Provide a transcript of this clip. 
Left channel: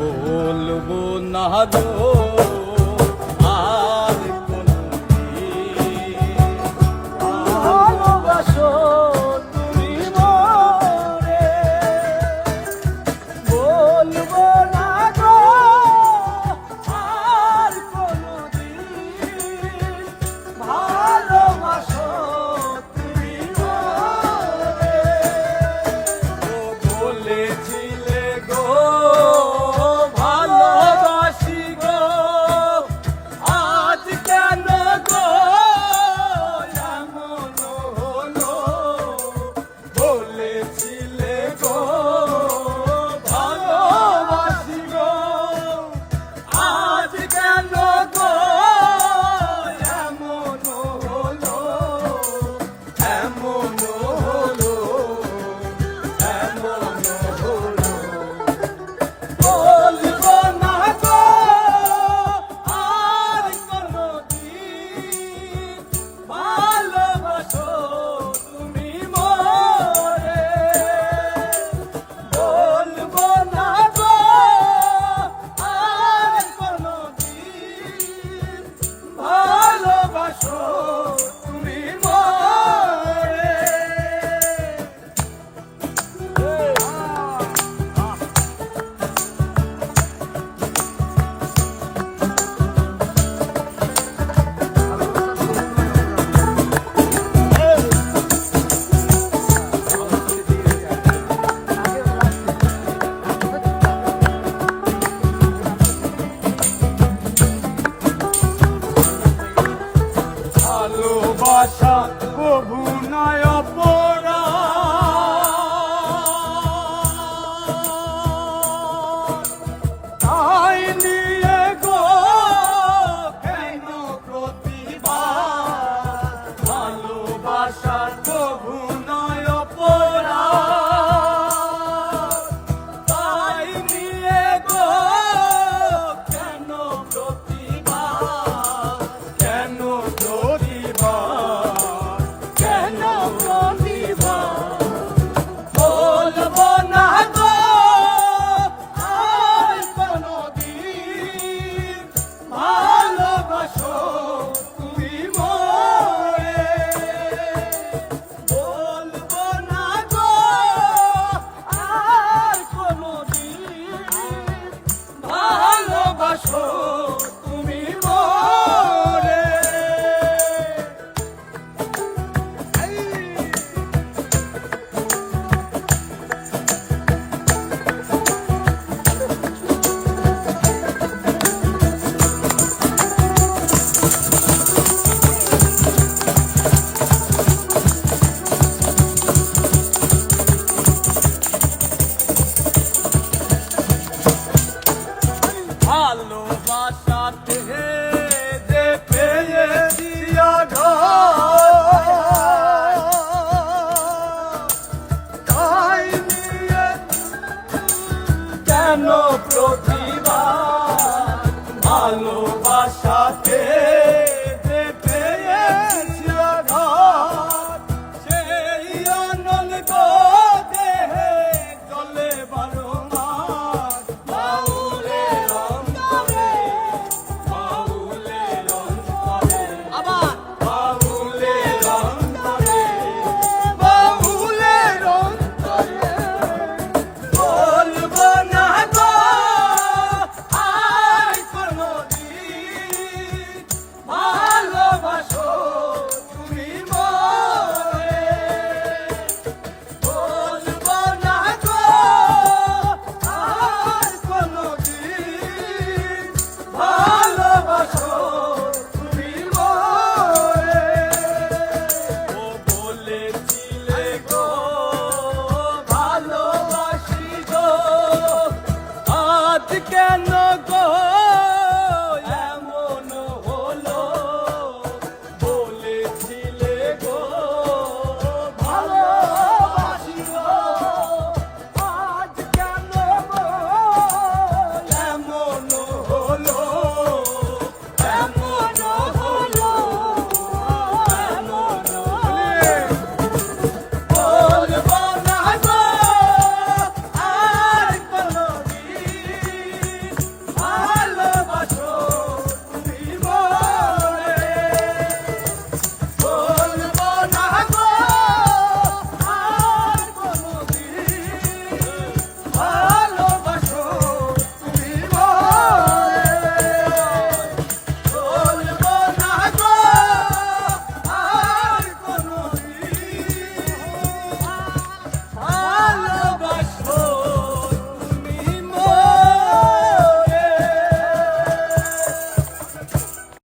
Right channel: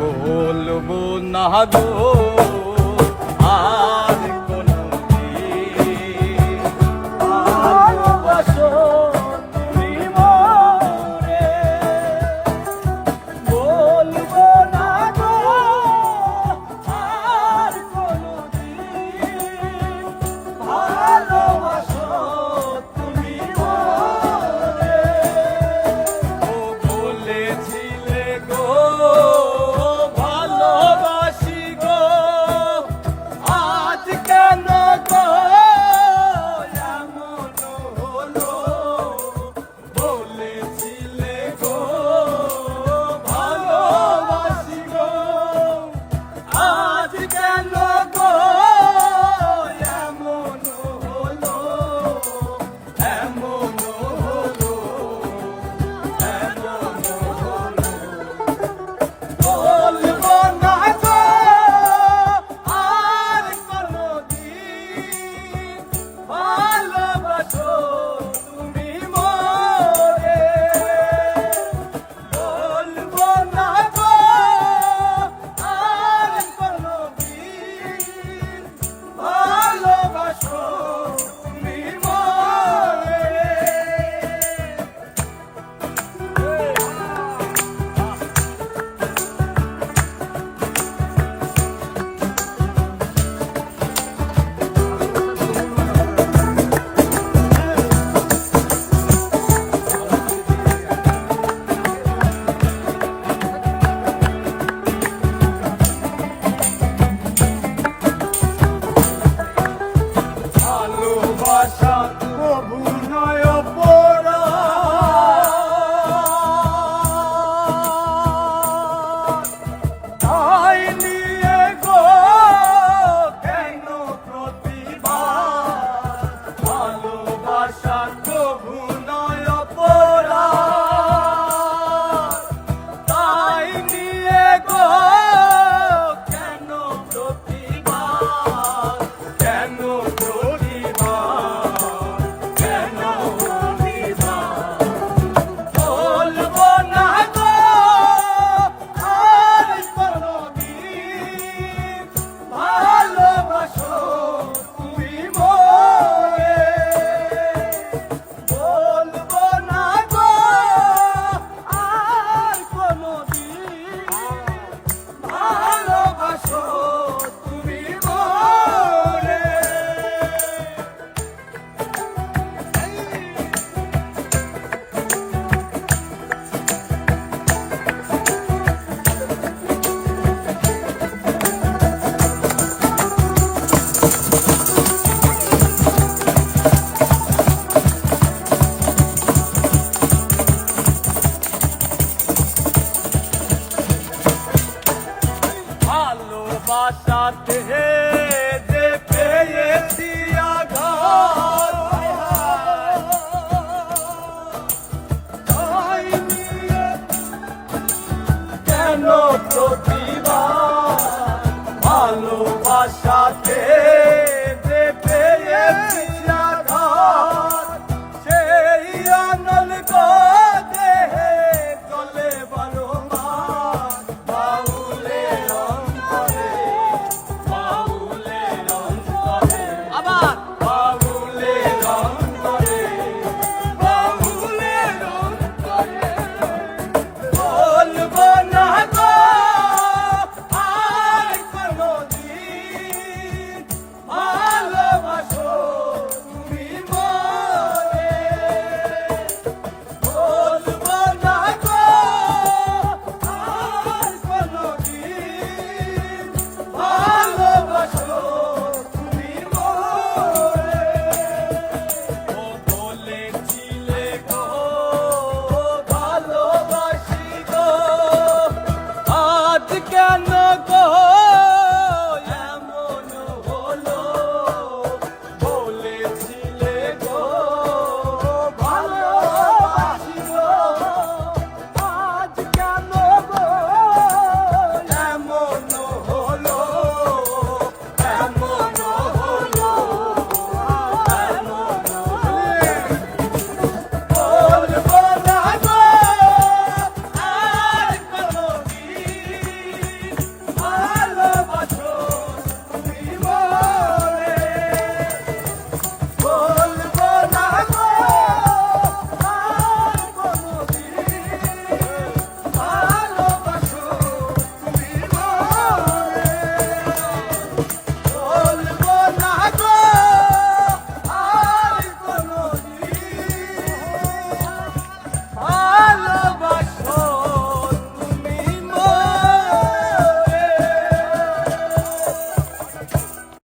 বলবো না গো আর কোনো দিন ভালোবাসো তুমি মোরে। বলবো না গো আর কোনো দিন ভালোবাসো তুমি মোরে। ও বলেছিলে গো ভালোবাসি গো, আজ কেন গো এমন হলো। বলেছিলে গো ভালোবাসি গো, আজ কেন গো এমন হলো। এমন হলো, এমন হলো। বলবো না গো আর কোনো দিন ভালোবাসো তুমি মোরে। বলবো না গো আর কোনো দিন ভালোবাসো তুমি মোরে। ভালোবাসা কভু নয় অপরাধ, তাই নিয়ে গো কেন প্রতিবাদ। ভালোবাসা কভু নয় অপরাধ, তাই নিয়ে গো কেন প্রতিবাদ। কেন প্রতিবাদ, কেন প্রতিবাদ। বলবো না গো আর কোনো দিন ভালোবাসো তুমি মোরে। বলবো না গো আর কোনো দিন ভালোবাসো তুমি মোরে। ভালোবাসাতে যে পেয়েছি আঘাত, তাই নিয়ে কেন প্রতিবাদ। ভালোবাসাতে যে পেয়েছি আঘাত, সেই আনল গো দেহে চলে বারবার। বাউলের অন্তরে, বাউলের অন্তরে, বাউলের অন্তরে, বাউলের অন্তরে। বলবো না গো আর কোনো দিন ভালোবাসো তুমি মোরে। বলবো না গো আর কোনো দিন ভালোবাসো তুমি মোরে। ও বলেছিলে গো ভালোবাসি গো, আজ কেন গো